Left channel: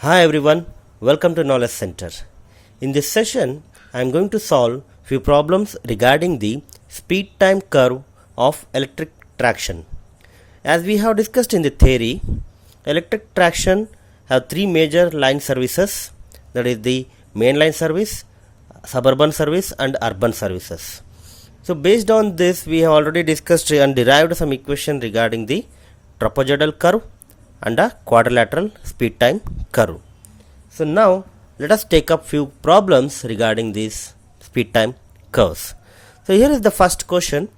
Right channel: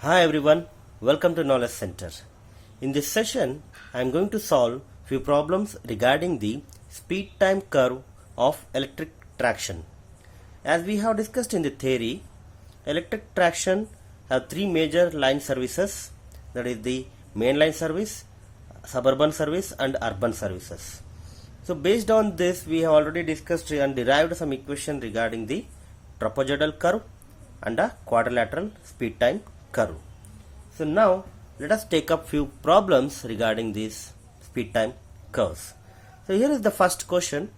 Hi everyone, welcome to Knowledge Center. In this session, I am going to solve few problems regarding the speed time curve of electric traction. As we have discussed in the theory, electric traction have three major line services, that is the main line service, suburban service and urban services. So based on this, we have already discussed and derived some equation regarding the trapezoidal curve and a quadrilateral speed time curve. So now let us take up few problems regarding these speed time curves. So here is the first question,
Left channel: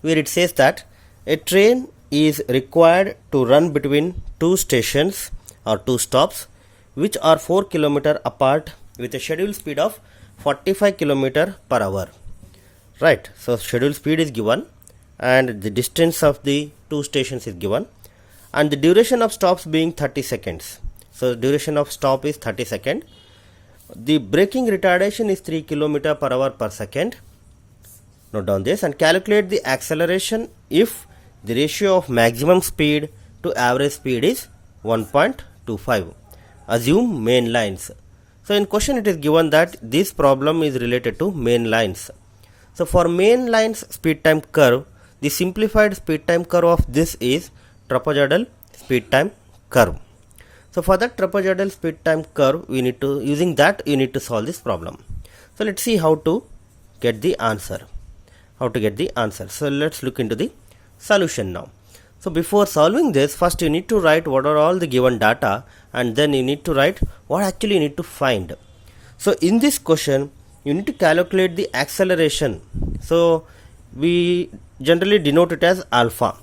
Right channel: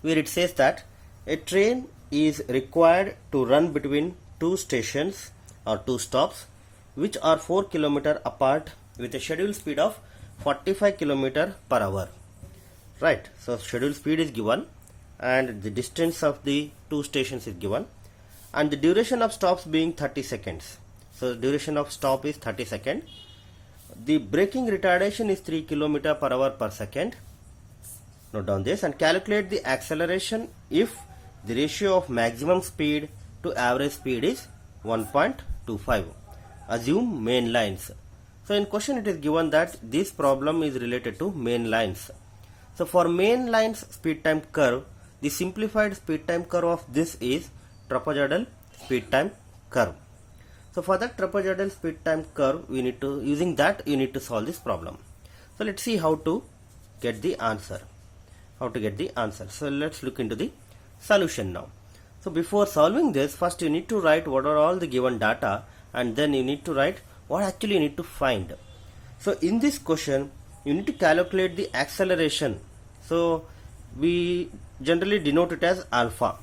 where it says that a train is required to run between two stations or two stops which are 4 km apart with a scheduled speed of 45 km per hour. Right, so scheduled speed is given and the distance of the two stations is given and the duration of stops being 30 seconds. So duration of stop is 30 seconds. The braking retardation is 3 km per hour per second. Note down this and calculate the acceleration if the ratio of maximum speed to average speed is 1.25. Assume main lines. So in question it is given that this problem is related to main lines. So for main lines speed time curve, the simplified speed time curve of this is trapezoidal speed time curve. So for that trapezoidal speed time curve, you need to solve this problem. So let's see how to get the answer. So let's look into the solution now. So before solving this, first you need to write what are all the given data and then you need to write what actually you need to find. So in this question, you need to calculate the acceleration. So we generally denote it as alpha.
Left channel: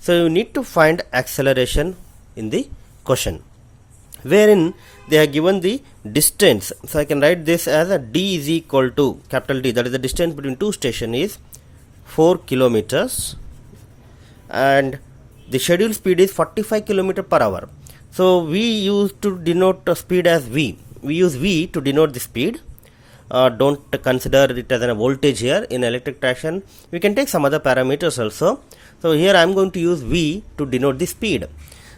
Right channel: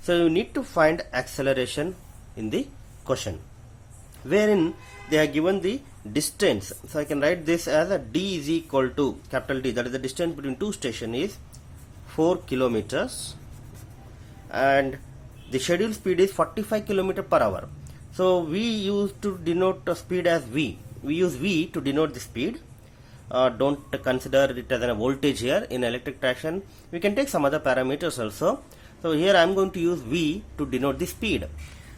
So you need to find acceleration in the question, wherein they are given the distance. So I can write this as a d is equal to capital D, that is the distance between two stations is 4 kilometers and the scheduled speed is 45 km per hour. So we used to denote speed as V. We use V to denote the speed. Don't consider it as a voltage here. In electric traction we can take some other parameters also. So here I am going to use V to denote the speed.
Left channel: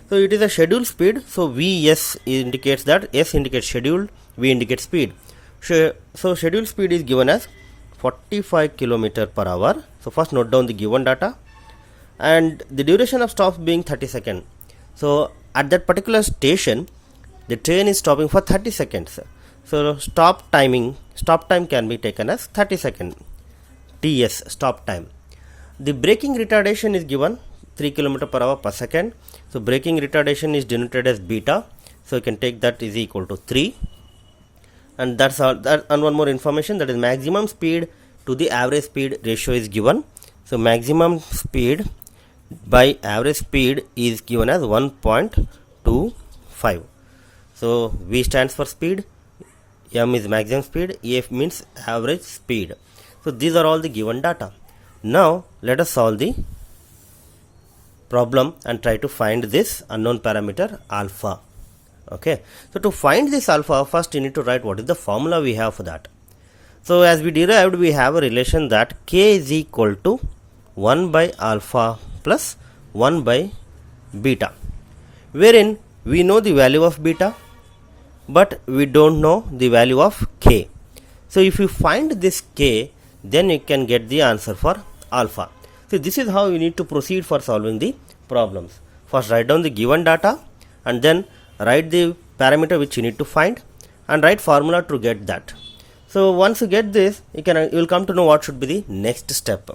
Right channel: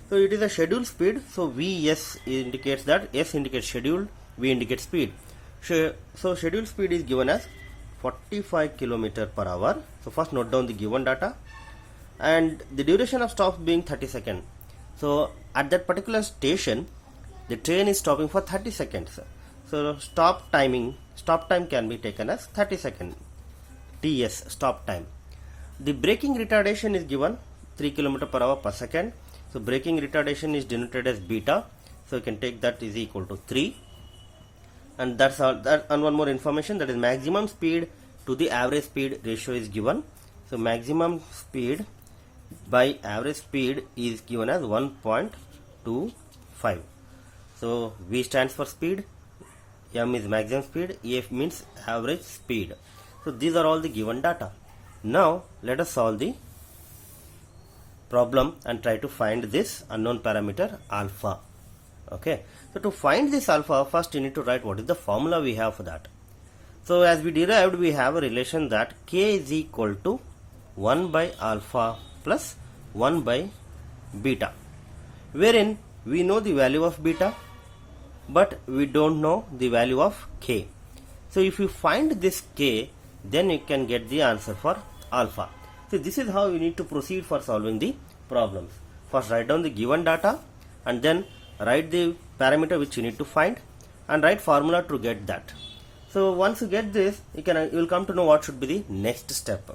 So it is a scheduled speed. So Vs indicates that S indicates scheduled, V indicates speed. So scheduled speed is given as 45 km per hour. So first note down the given data and the duration of stops being 30 seconds. So at that particular station the train is stopping for 30 seconds. So stop time can be taken as 30 seconds. TS, stop time. The braking retardation is given 3 km per hour per second. So braking retardation is denoted as beta. So you can take that is equal to 3. And that's all. And one more information, that is maximum speed to the average speed ratio is given. So maximum speed by average speed is given as 1.25. So V stands for speed, M is maximum speed, EF means average speed. So these are all the given data. Now let us solve the problem and try to find this unknown parameter alpha. Okay, so to find this alpha, first you need to write what is the formula we have for that. So as we derived, we have a relation that K is equal to 1 by alpha plus 1 by beta, wherein we know the value of beta but we don't know the value of K. So if you find this K, then you can get the answer for alpha. So this is how you need to proceed for solving the problems. First write down the given data and then write the parameter which you need to find and write formula to get that. So once you get this, you will come to know what should be the next step.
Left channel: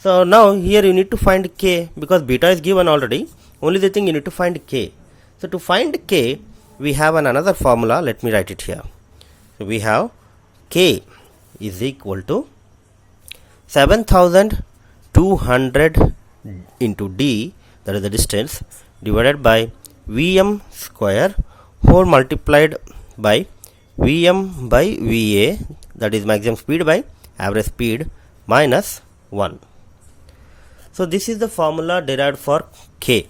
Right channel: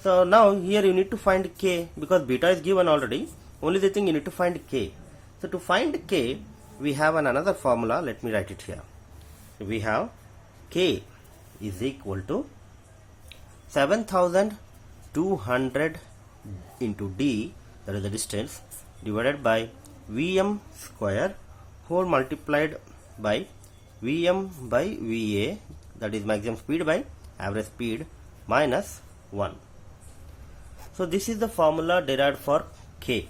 So now here you need to find K because beta is given already. Only the thing you need to find K. So to find K, we have another formula. Let me write it here. So we have K is equal to 7200 into D, that is the distance, divided by Vm square whole multiplied by Vm by Va, that is maximum speed by average speed, minus 1. So this is the formula derived for K,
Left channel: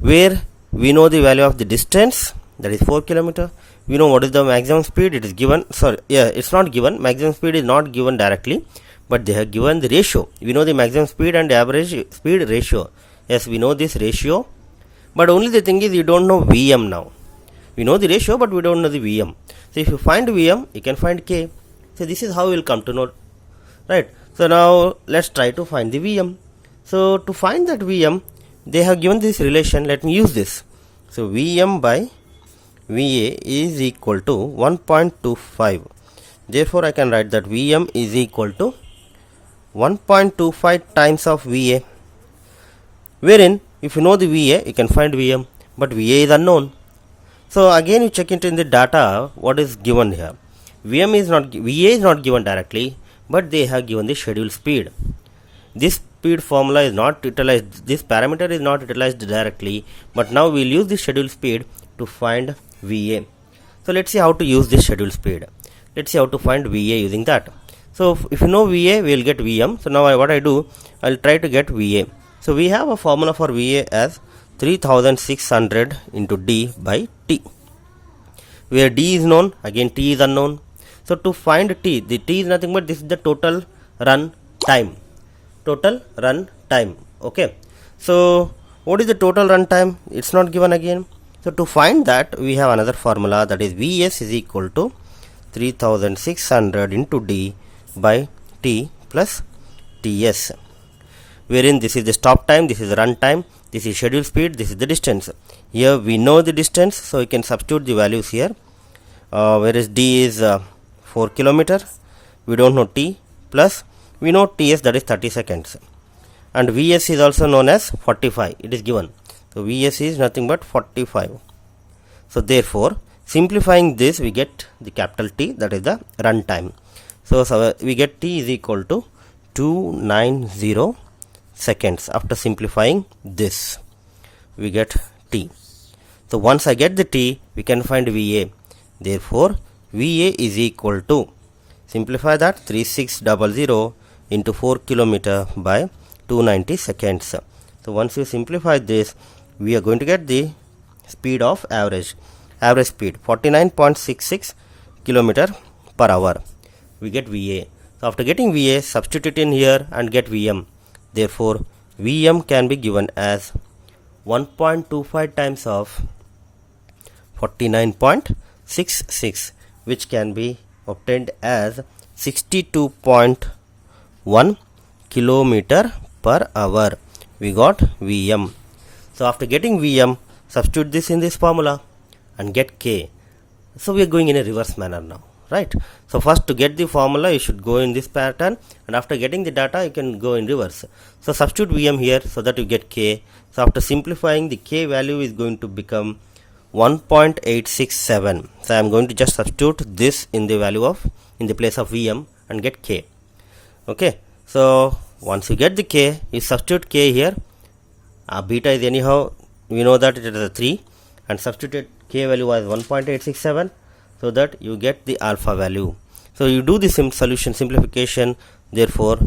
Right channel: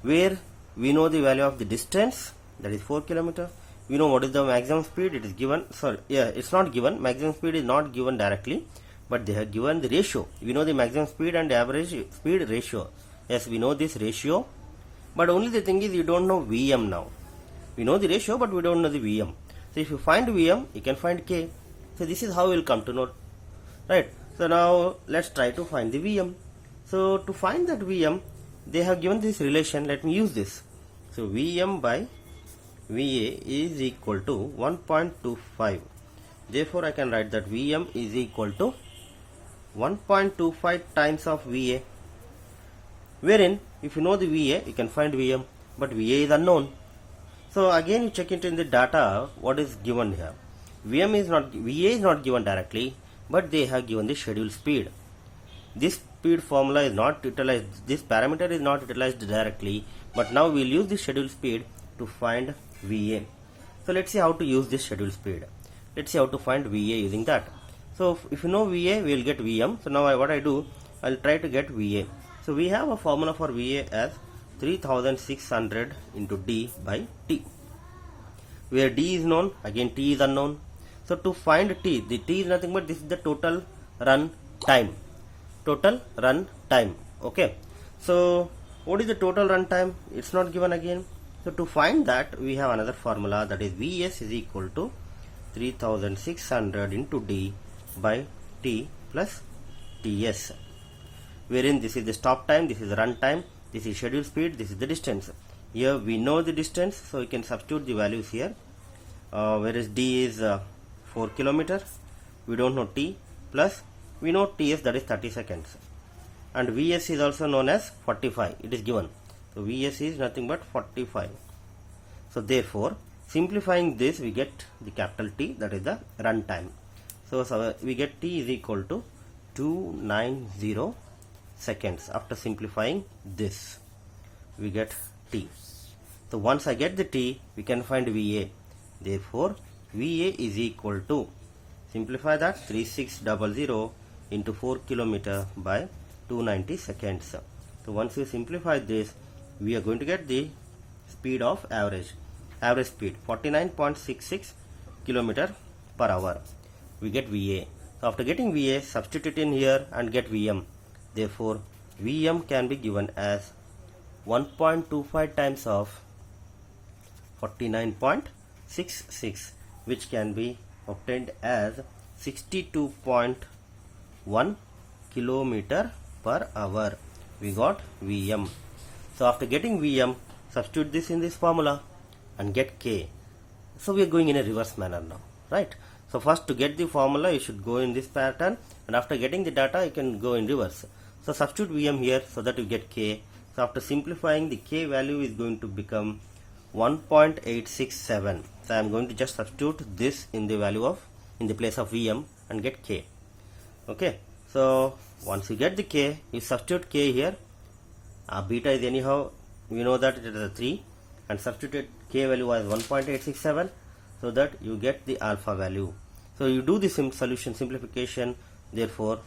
where we know the value of the distance, that is 4 km. We know what is the maximum speed, it is given, it's not given, maximum speed is not given directly, but they have given the ratio. We know the maximum speed and average speed ratio. Yes, we know this ratio, but only the thing is you don't know Vm now. We know the ratio, but we don't know the Vm. So if you find Vm, you can find K. So this is how we will come to know, right? So now let's try to find the Vm. So to find that Vm, they have given this relation. Let me use this. So Vm by Va is equal to 1.25. Therefore, I can write that Vm is equal to 1.25 times of Va. Wherein, if you know the Va, you can find Vm, but Va is unknown. So again, you check into in the data what is given here. Va is not given directly, but they have given the schedule speed. This speed formula is not utilized. This parameter is not utilized directly, but now we will use the schedule speed to find Va. So let's see how to use this schedule speed. Let's see how to find Va using that. So if you know Va, we will get Vm. So now what I do, I will try to get Va. So we have a formula for Va as 3600 into d by t, where d is known, again t is unknown. So to find t, the t is nothing but this is the total run time. Total run time. Okay. So what is the total run time? It's not given again. So to find that, we have another formula, that is Vs is equal to 3600 into d by t plus ts, wherein this is the stop time, this is the run time, this is schedule speed, this is the distance. Here we know the distance, so you can substitute the values here. Whereas d is 4 km, we don't know t, plus we know ts, that is 30 seconds, and Vs is also known as 45, it is given. So Vs is nothing but 45. So therefore, simplifying this, we get the capital T, that is the run time. So we get T is equal to 290 seconds. After simplifying this, we get T. So once I get the T, we can find Va. Therefore, Va is equal to, simplify that, 3600 into 4 km by 290 seconds. So once you simplify this, we are going to get the speed of average speed 49.66 km per hour. We get Va. So after getting Va, substitute it in here and get Vm. Therefore, Vm can be given as 1.25 times of 49.66, which can be obtained as 62.1 km per hour. We got Vm. So after getting Vm, substitute this in this formula and get K. So we are going in a reverse manner now, right? So first, to get the formula, you should go in this pattern, and after getting the data, you can go in reverse. So substitute Vm here so that you get K. So after simplifying, the K value is going to become 1.867. So I am going to just substitute this in the place of Vm and get K. Okay. So once you get the K, you substitute K here. Beta is anyhow, we know that it is a 3, and substitute K value as 1.867, so that you get the alpha value. So you do this solution simplification. Therefore,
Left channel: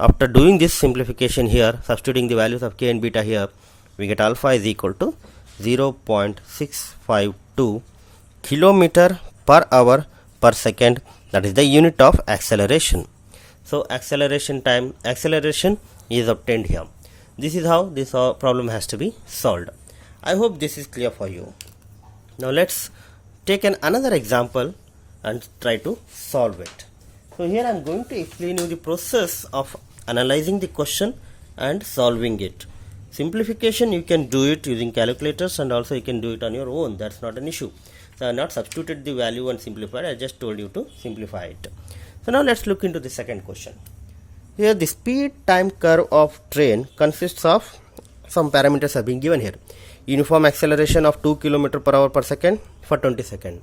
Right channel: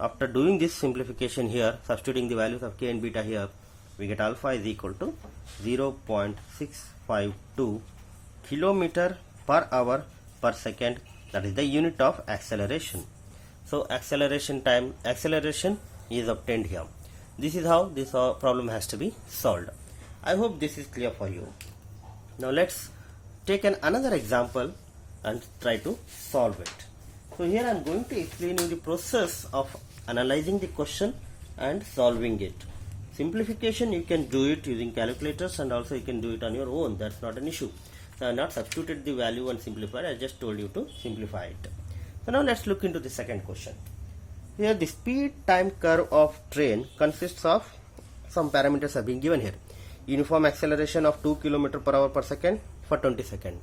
after doing this simplification here, substituting the values of K and beta here, we get alpha is equal to 0.652 km per hour per second. That is the unit of acceleration. So acceleration is obtained here. This is how this problem has to be solved. I hope this is clear for you. Now let's take another example and try to solve it. So here I am going to explain you the process of analyzing the question and solving it. Simplification, you can do it using calculators, and also you can do it on your own. That's not an issue. So I have not substituted the value and simplified. I just told you to simplify it. So now let's look into the second question. Here the speed time curve of train consists of some parameters have been given here. Uniform acceleration of 2 km per hour per second for 20 seconds.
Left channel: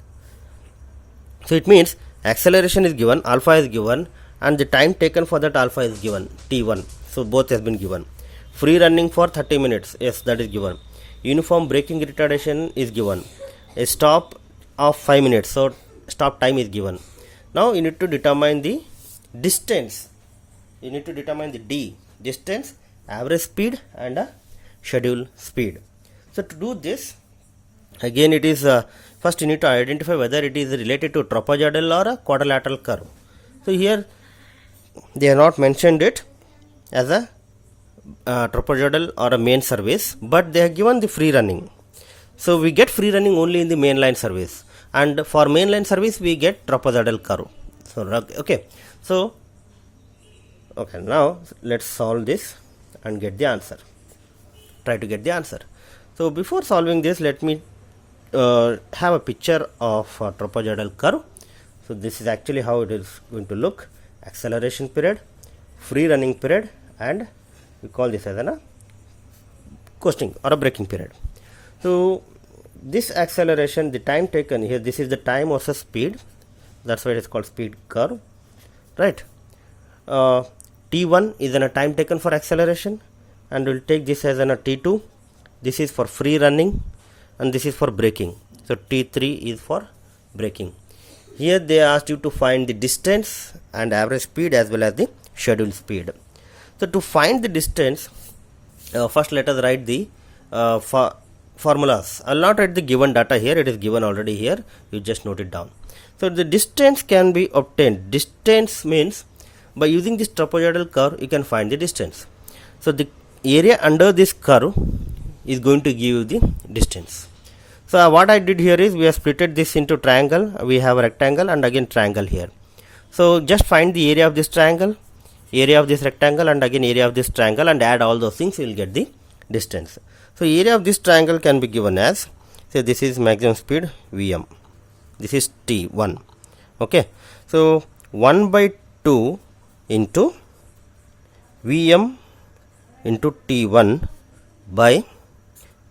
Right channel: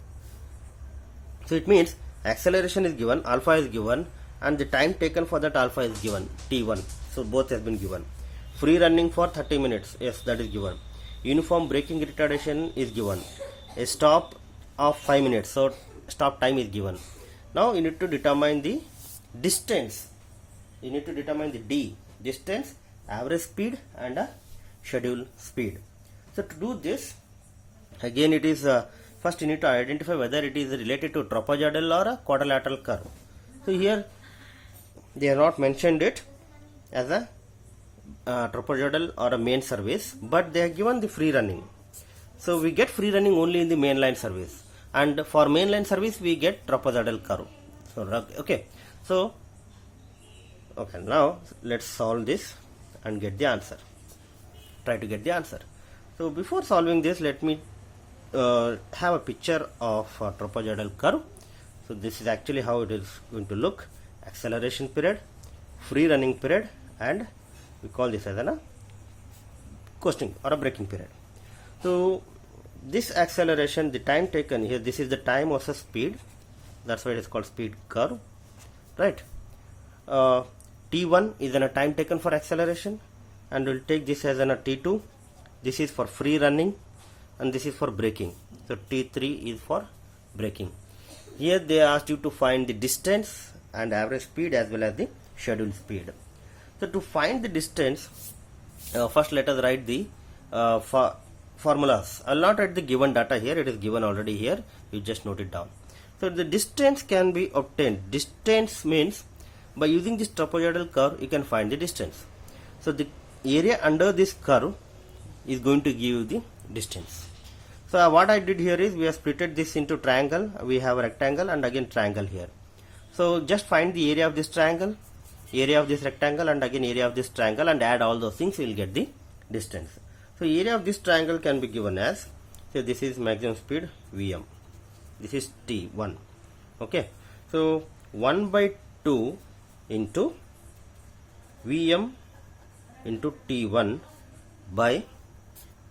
So it means acceleration is given, alpha is given, and the time taken for that alpha is given, t1. So both has been given. Free running for 30 minutes, yes, that is given. Uniform braking retardation is given. A stop of 5 minutes, so stop time is given. Now you need to determine the distance. You need to determine the d, distance, average speed, and schedule speed. So to do this, again it is first you need to identify whether it is related to trapezoidal or a quadrilateral curve. So here they have not mentioned it as a trapezoidal or a main service, but they have given the free running. So we get free running only in the mainline service, and for mainline service we get trapezoidal curve. So okay, now let's solve this and get the answer. Try to get the answer. So before solving this, let me have a picture of a trapezoidal curve. So this is actually how it is going to look: acceleration period, free running period, and we call this as a coasting or a braking period. So this acceleration, the time taken here, this is the time versus speed. That's why it is called speed curve, right? T1 is a time taken for acceleration, and we'll take this as a T2. This is for free running, and this is for braking. So T3 is for braking. Here they asked you to find the distance and average speed as well as the scheduled speed. So to find the distance, first let us write the formulas. I will not write the given data here, it is given already here, you just note it down. So the distance can be obtained. Distance means by using this trapezoidal curve you can find the distance. So the area under this curve is going to give you the distance. So what I did here is we have splitted this into triangle. We have a rectangle and again triangle here. So just find the area of this triangle, area of this rectangle, and again area of this triangle, and add all those things, you will get the distance. So area of this triangle can be given as, say this is maximum speed Vm, this is T1. Okay, so 1 by 2 into Vm into T1 by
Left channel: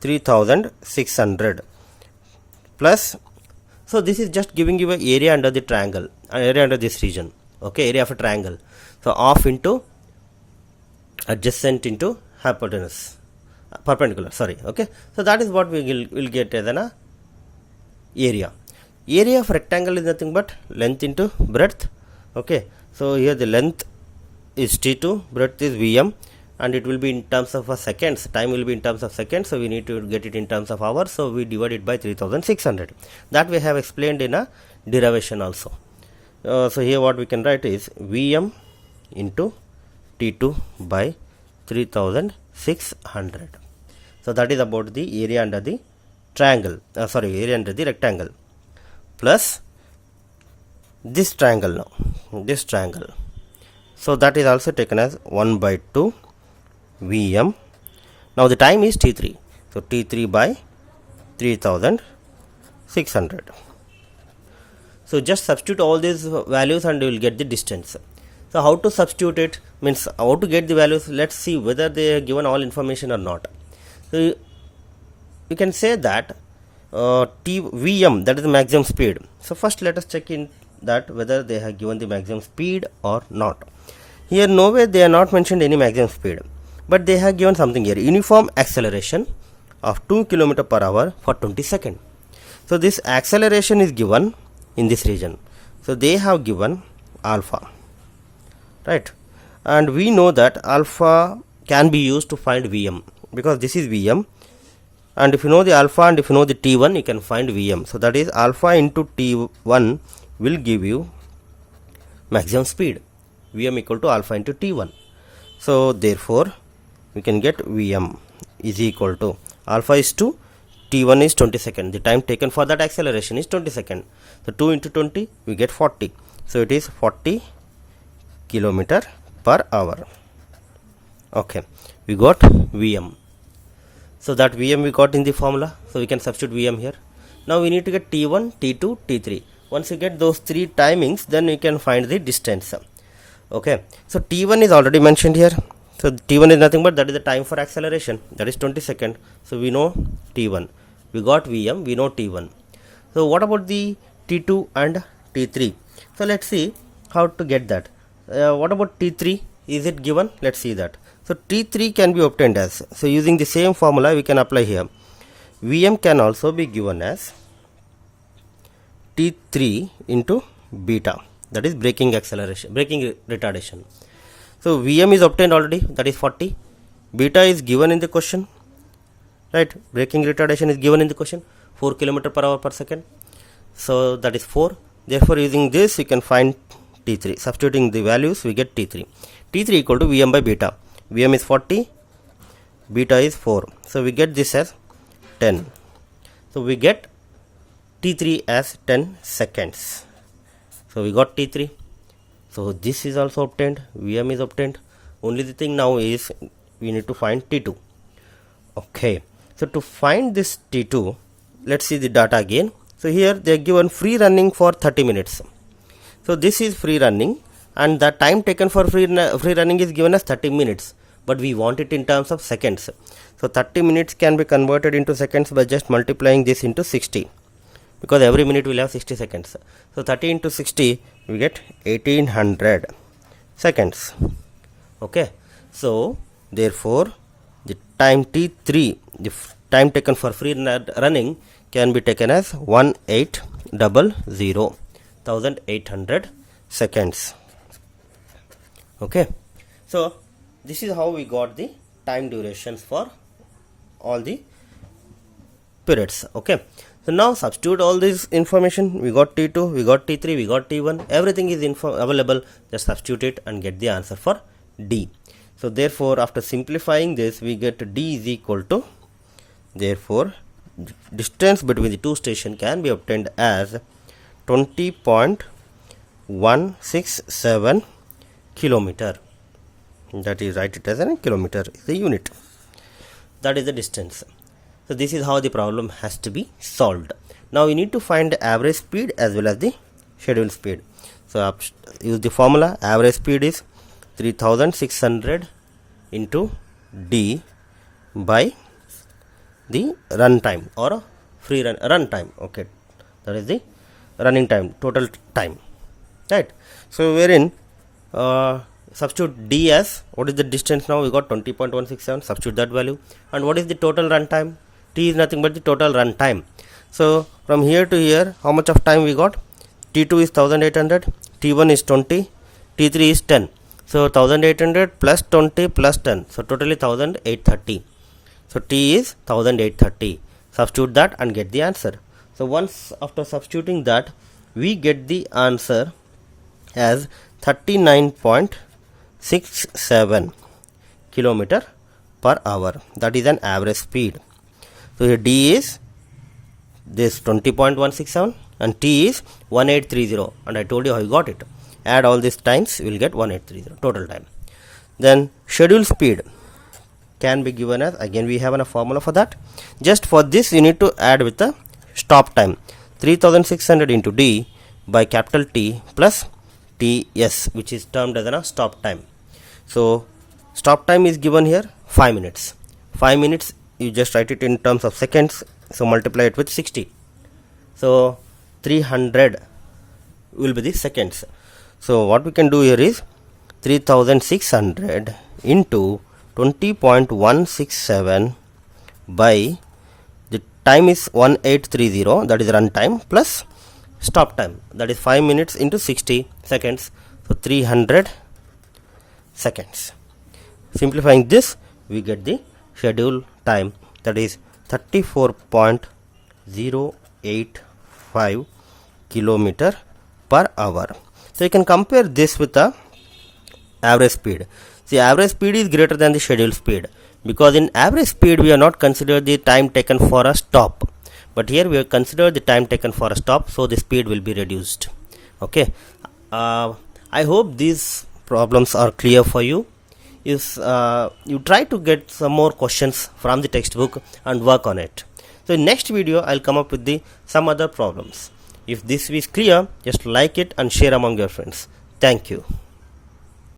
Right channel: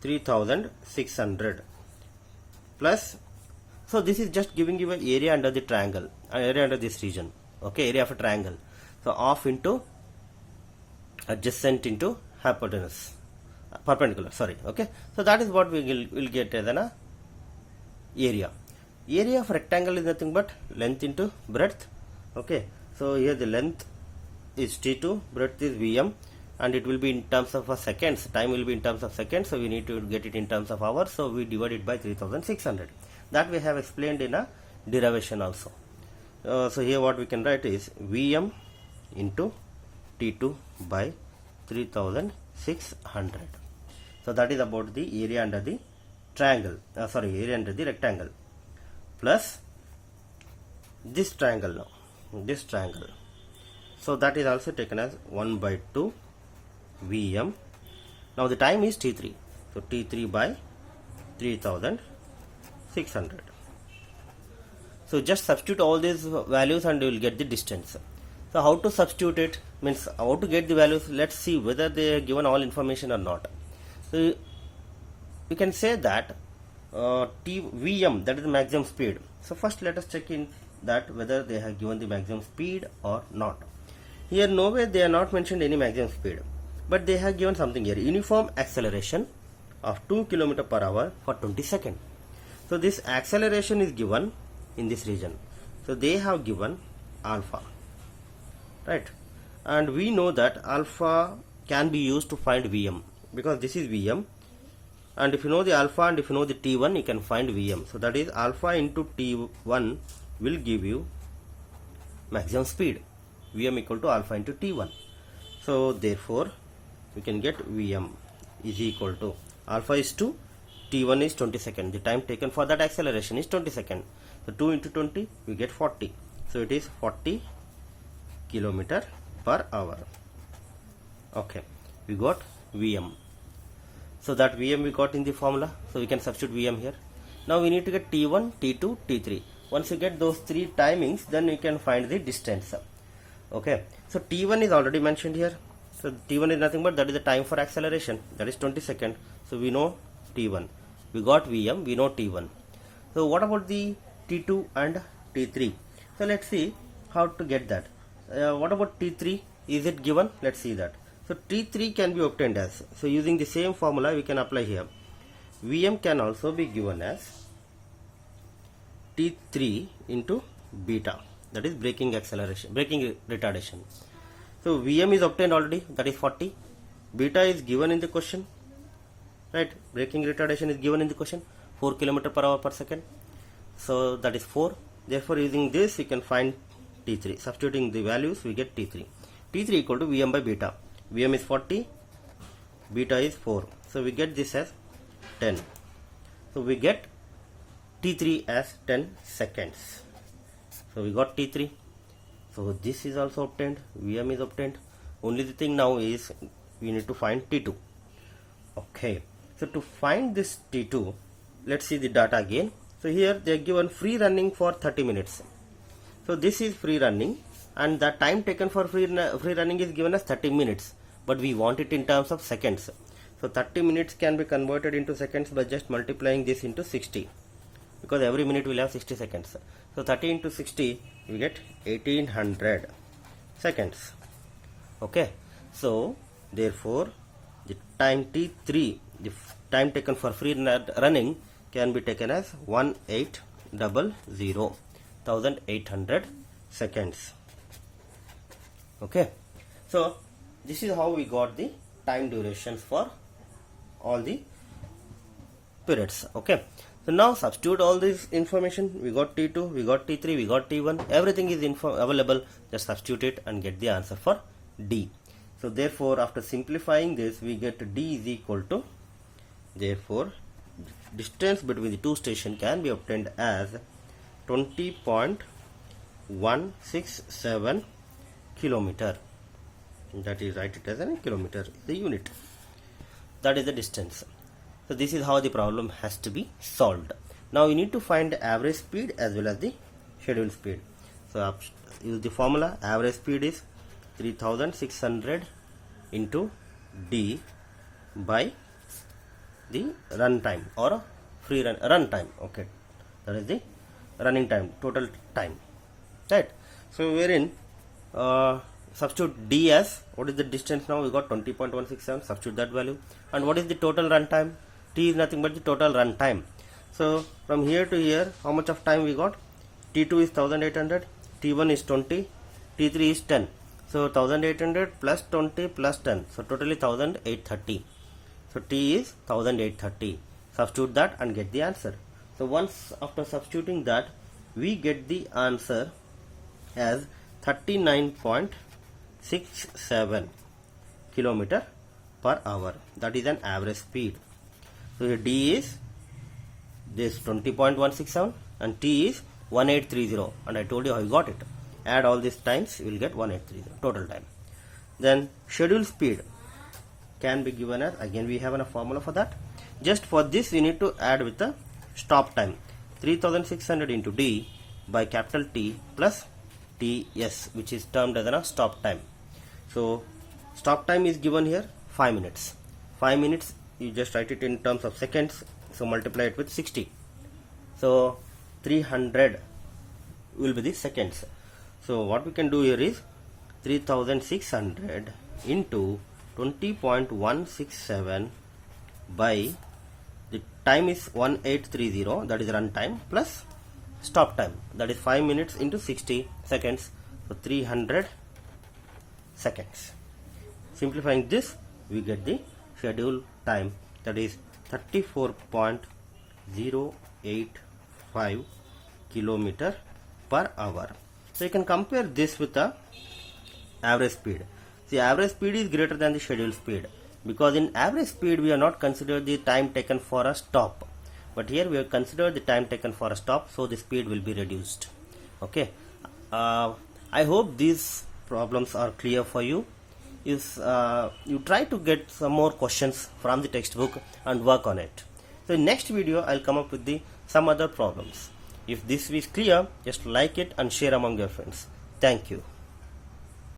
3600 plus, so this is just giving you an area under the triangle, area under this region. Okay, area of a triangle. So off into adjacent into hypotenuse, perpendicular, sorry. Okay, so that is what we will get as an area. Area of rectangle is nothing but length into breadth. Okay, so here the length is T2, breadth is Vm, and it will be in terms of seconds. Time will be in terms of seconds, so we need to get it in terms of hours. So we divide it by 3600. That we have explained in a derivation also. So here what we can write is Vm into T2 by 3600. So that is about the area under the triangle, area under the rectangle, plus this triangle now, this triangle. So that is also taken as 1 by 2 Vm. Now the time is T3. So T3 by 3600. So just substitute all these values and you will get the distance. So how to substitute it, means how to get the values. Let's see whether they are given all information or not. So you can say that Vm, that is the maximum speed. So first let us check in that whether they have given the maximum speed or not. Here nowhere they are not mentioned any maximum speed, but they have given something here: uniform acceleration of 2 km per hour for 20 seconds. So this acceleration is given in this region. So they have given alpha, right? And we know that alpha can be used to find Vm, because this is Vm, and if you know the alpha and if you know the T1, you can find Vm. So that is alpha into T1 will give you maximum speed. Vm equal to alpha into T1. So therefore we can get Vm is equal to alpha is 2, T1 is 20 seconds. The time taken for that acceleration is 20 seconds. So 2 into 20 we get 40. So it is 40 kilometer per hour. Okay, we got Vm. So that Vm we got in the formula. So we can substitute Vm here. Now we need to get T1, T2, T3. Once you get those three timings, then you can find the distance. Okay, so T1 is already mentioned here. So T1 is nothing but that is the time for acceleration, that is 20 seconds. So we know T1, we got Vm, we know T1. So what about the T2 and T3? So let's see how to get that. What about T3? Is it given? Let's see that. So T3 can be obtained as, so using the same formula we can apply here. Vm can also be given as T3 into beta, that is braking acceleration, braking retardation. So Vm is obtained already, that is 40. Beta is given in the question, right? Braking retardation is given in the question, 4 km per hour per second. So that is 4. Therefore using this we can find T3. Substituting the values we get T3. T3 equal to Vm by beta. Vm is 40, beta is 4. So we get this as 10. So we get T3 as 10 seconds. So we got T3. So this is also obtained, Vm is obtained. Only the thing now is we need to find T2. Okay, so to find this T2, let's see the data again. So here they are given free running for 30 minutes. So this is free running, and the time taken for free running is given as 30 minutes, but we want it in terms of seconds. So 30 minutes can be converted into seconds by just multiplying this into 60, because every minute will have 60 seconds. So 30 into 60, we get 1800 seconds. Okay, so therefore the time T3, the time taken for free running, can be taken as 1800 seconds. Okay, so this is how we got the time durations for all the periods. Okay, so now substitute all this information. We got T2, we got T3, we got T1, everything is available. Just substitute it and get the answer for D. So therefore after simplifying this, we get D is equal to, therefore distance between the two stations can be obtained as 20.167 kilometer. That is, write it as a kilometer is the unit. That is the distance. So this is how the problem has to be solved. Now we need to find the average speed as well as the schedule speed. So use the formula. Average speed is 3600 into D by the run time or free run time. Okay, that is the running time, total time, right? So wherein substitute D as, what is the distance now? We got 20.167, substitute that value. And what is the total run time? T is nothing but the total run time. So from here to here, how much of time we got? T2 is 1800, T1 is 20, T3 is 10. So 1800 plus 20 plus 10, so totally 1830. So T is 1830. Substitute that and get the answer. So once after substituting that, we get the answer as 39.67 kilometer per hour. That is an average speed. So here D is this 20.167 and T is 1830, and I told you how you got it. Add all these times, you will get 1830 total time. Then schedule speed can be given as, again we have a formula for that. Just for this you need to add with the stop time, 3600 into D by capital T plus TS, which is termed as a stop time. So stop time is given here 5 minutes. 5 minutes, you just write it in terms of seconds, so multiply it with 60. So 300 will be the seconds. So what we can do here is 3600 into 20.167 by the time is 1830, that is run time, plus stop time, that is 5 minutes into 60 seconds, so 300 seconds. Simplifying this, we get the schedule time, that is 34.085 kilometer per hour. So you can compare this with the average speed. See, average speed is greater than the schedule speed, because in average speed we are not considered the time taken for a stop, but here we have considered the time taken for a stop, so the speed will be reduced. Okay, I hope these problems are clear for you. If you try to get some more questions from the textbook and work on it. So in next video I'll come up with some other problems. If this is clear, just like it and share among your friends. Thank you.